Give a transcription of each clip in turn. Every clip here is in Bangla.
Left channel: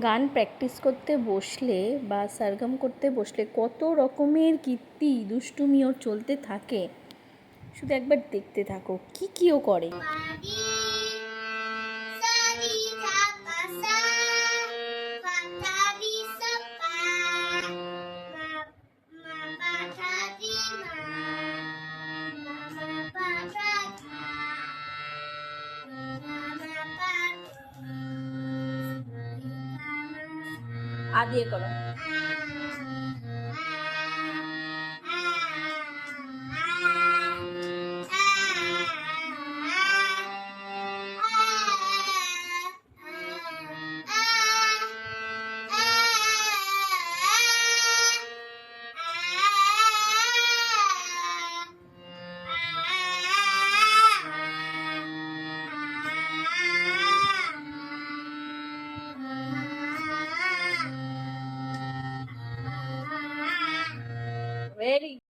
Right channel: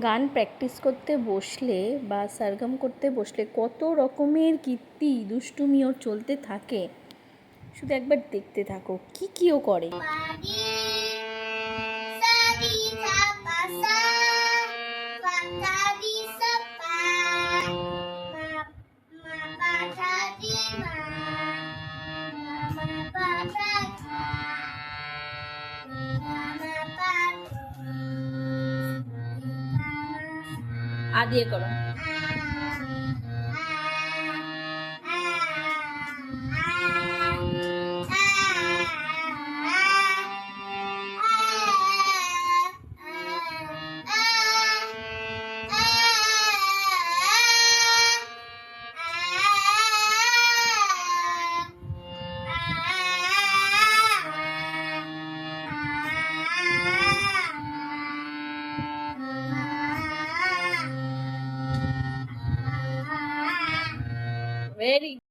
গান প্র্যাকটিস করতে বসলে বা সারগম করতে বসলে কত রকমের কীর্তি দুষ্টুমি ওর চলতে থাকে? শুধু একবার দেখতে থাকো কি কি ও করে? Pagi, আ দিয়ে করো। very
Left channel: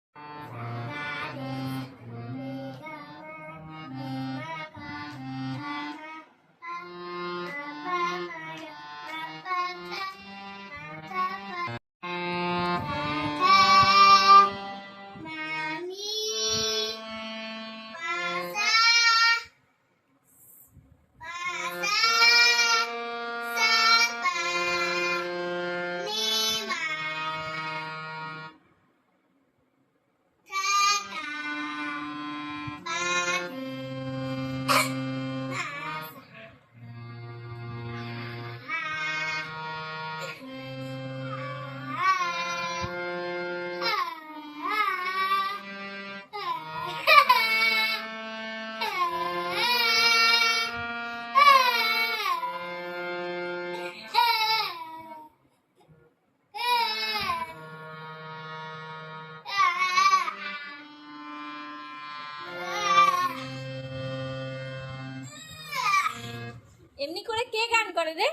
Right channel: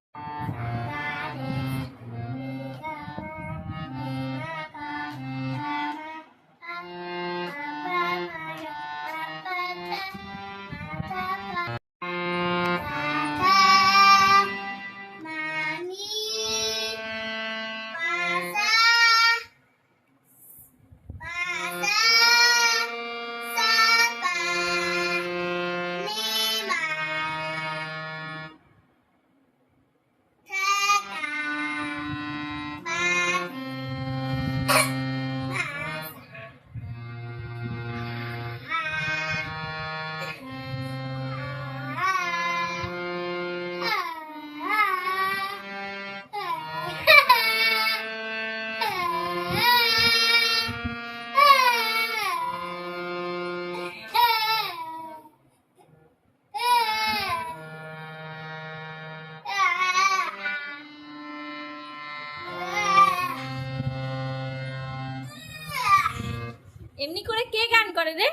এমনি করে কে গান করে রে?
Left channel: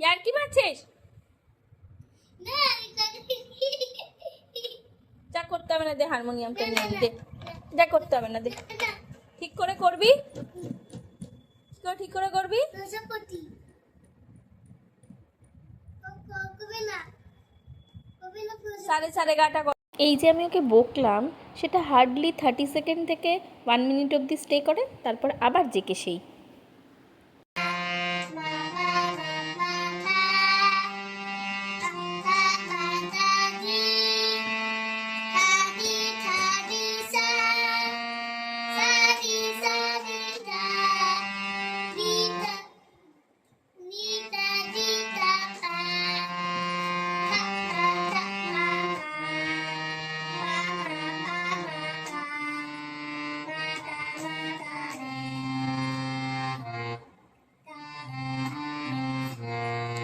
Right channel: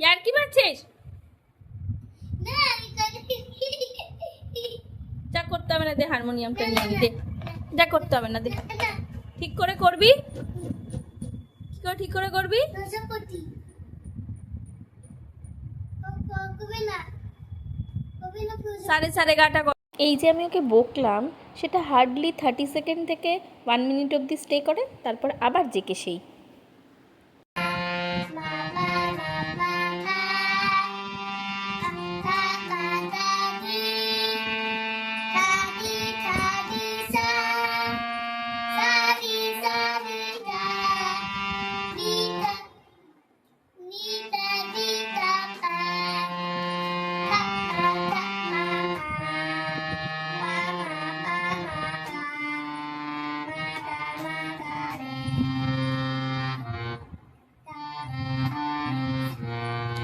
ইয়ার কি মারছিস যা করতে হবে না দে হারমোনিয়ামটা নিয়ে দে। যা করতে হবে না দে। ঠিক করে করবি? ঠিক করে ঠিক করে করবি? সাড়ে সাড়ে গাটা এই যে আমি ওকে বকলাম সেটা হার্ডলি থার্টি সেকেন্ড থেকে ওয়ান মিনিট অবধি স্টে করে তারপর আবার জেকে সেই।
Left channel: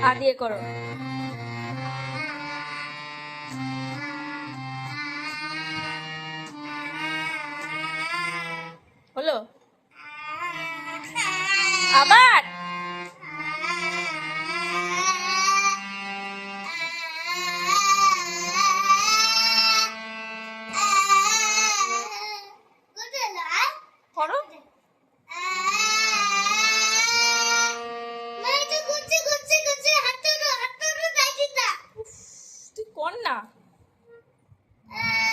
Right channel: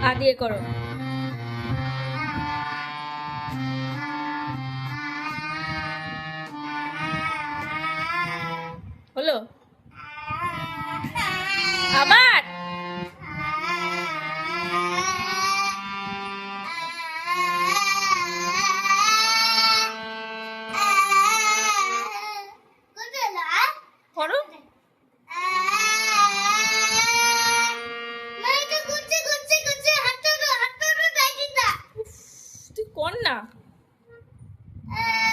হা দিয়ে করো। হলো? আবার? Uh.